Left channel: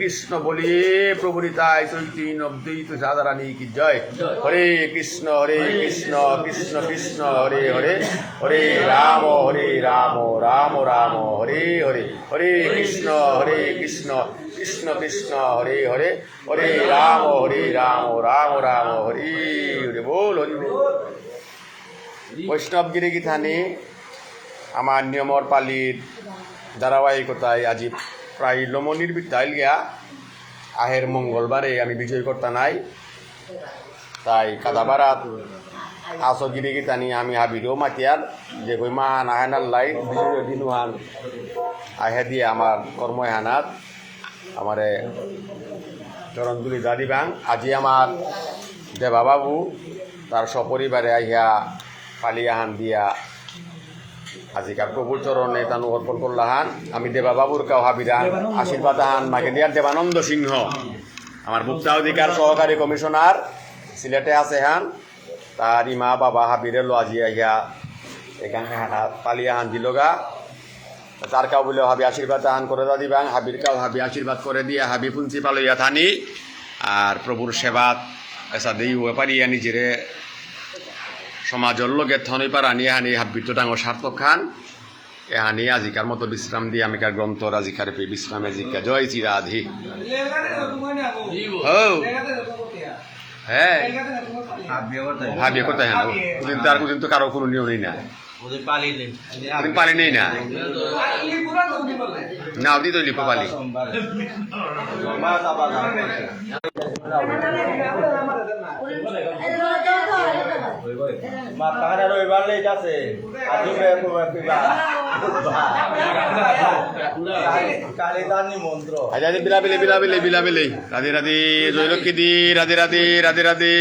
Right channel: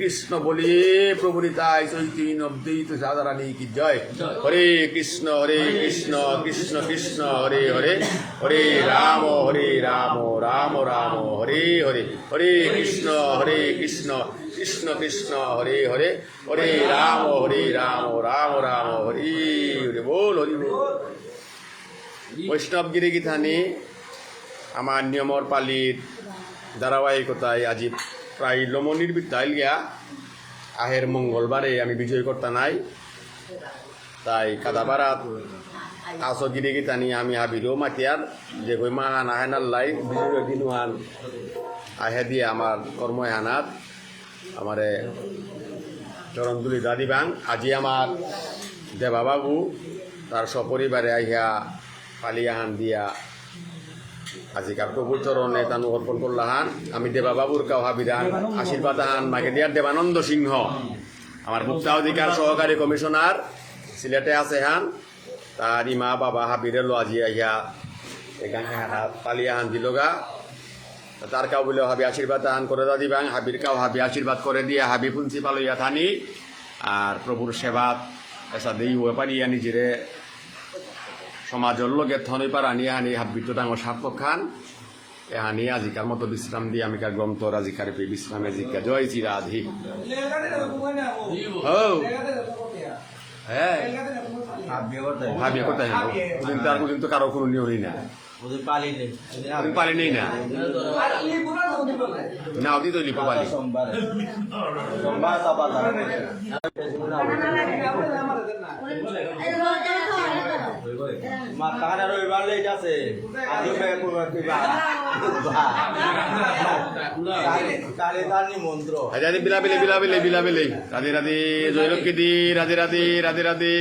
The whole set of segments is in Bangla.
কৃষ্ণ বলিয়ে প্রভু নিতাই চৈতন্য অদ্বৈত রাধারানী কি জয়। হরে কৃষ্ণ কৃষ্ণ কৃষ্ণ হরে হরে, হরে রাম রাম রাম হরে হরে, হরে কৃষ্ণ কৃষ্ণ কৃষ্ণ হরে হরে, হরে রাম রাম রাম হরে হরে বল হরি বল। বৈষ্ণবগিরি গীতানি আমার নিয়মর পালির ধারাবাহিকতায় আজি প্রায় লমনির বিদ্যাল গিয়া আহের মঙ্গলবারে আমি বিজয় করতে নাই, তাই কাদাবারাত আসগিরি গীতানি আমি হাবিরও মাতিয়ার যে কই মান আহেনার লাই বিজয় দিনুহান আহে দিয়ে আমার কর্মহানাত আমারে চরণদুলি দাদিবাং। আজি আমার দেবাবাবু তার সপরিবারে আহিয়া পালিয়াহান দিয়া আজিকার প্রভুর চরণে তানু অর্পণ করলাহান। আমি দেবাবাবুর কাউ হাবিরান আশীর্বাদ হান মাকে দিয়ার দেবানন্দ সিংহ আমার ভোক্তা অধিকার সহকারী কমিশনার সিলেটে আছে হান, তার ইমা বাবা হাবিরে লো আজি আহিয়া এখানে হানা পালিয়াহান দিলগা তার কাউ বলে হাবি আশীর্বাদ হান করে দিবাং, হাবির কাউ হাবি আশীর্বাদ করে দিয়া হাবি প্রিন্সিপাল হইয়া থানি আর প্রভুর সেবাত এসা দেই হয়ে পারিয়া নিজেরে সমাজের লগে থনই পার আনি হানি হাবিত ডাঙর সার্থক খান এহানি আজিকার মতো বিশ্রাম দিয়ে আমিকার গ্রন্থ আজিকার পে বিশ্রামে জিজ্ঞা জয় শ্রী রাধি। হ্যাঁ হাবিয়ে করতে হ্যাঁ কোনদিন তো আর কোনদিন তো কারো কোনো নিয়মই না, পালি নেই না না ওদি তো লিপো পালি বিলাবিলে বিলাবিলে বিলাবিলে রাধে রাধে জয় লক্ষ্মী দি রাধে রাধে রাধে রাধে।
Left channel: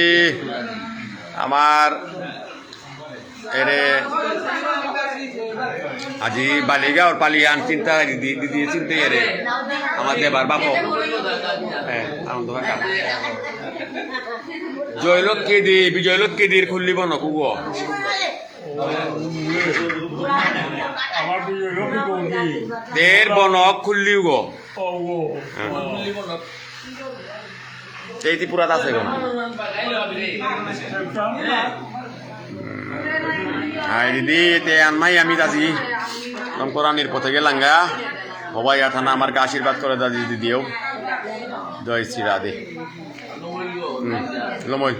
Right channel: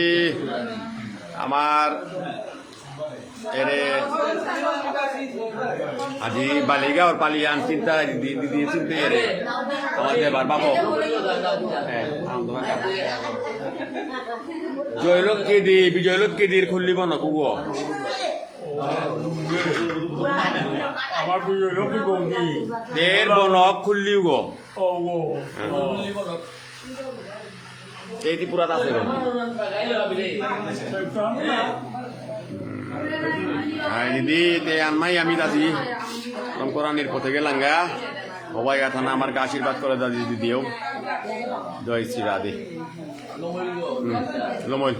আমার এরে আজি বালিগাঁও পালিয়ান চিন্তা দিদি চিন্তা রে আমার দেবার বাবু হ্যাঁ আনন্দ ভাষা জয়লক্ষ্মী দি বিজয়লক্ষ্মী দির খুললিব নকুব দের বনক খুললিও গো এই ত্রিপুরাত আছে গো হাই দিদি তে আনমাই আমি দাদি রংকরানির পথে গেলাঙ্গা সবাই থানা আমাকে আশীর্বাদ করে দাদি দিদিও জয় শ্রী রাধে লমই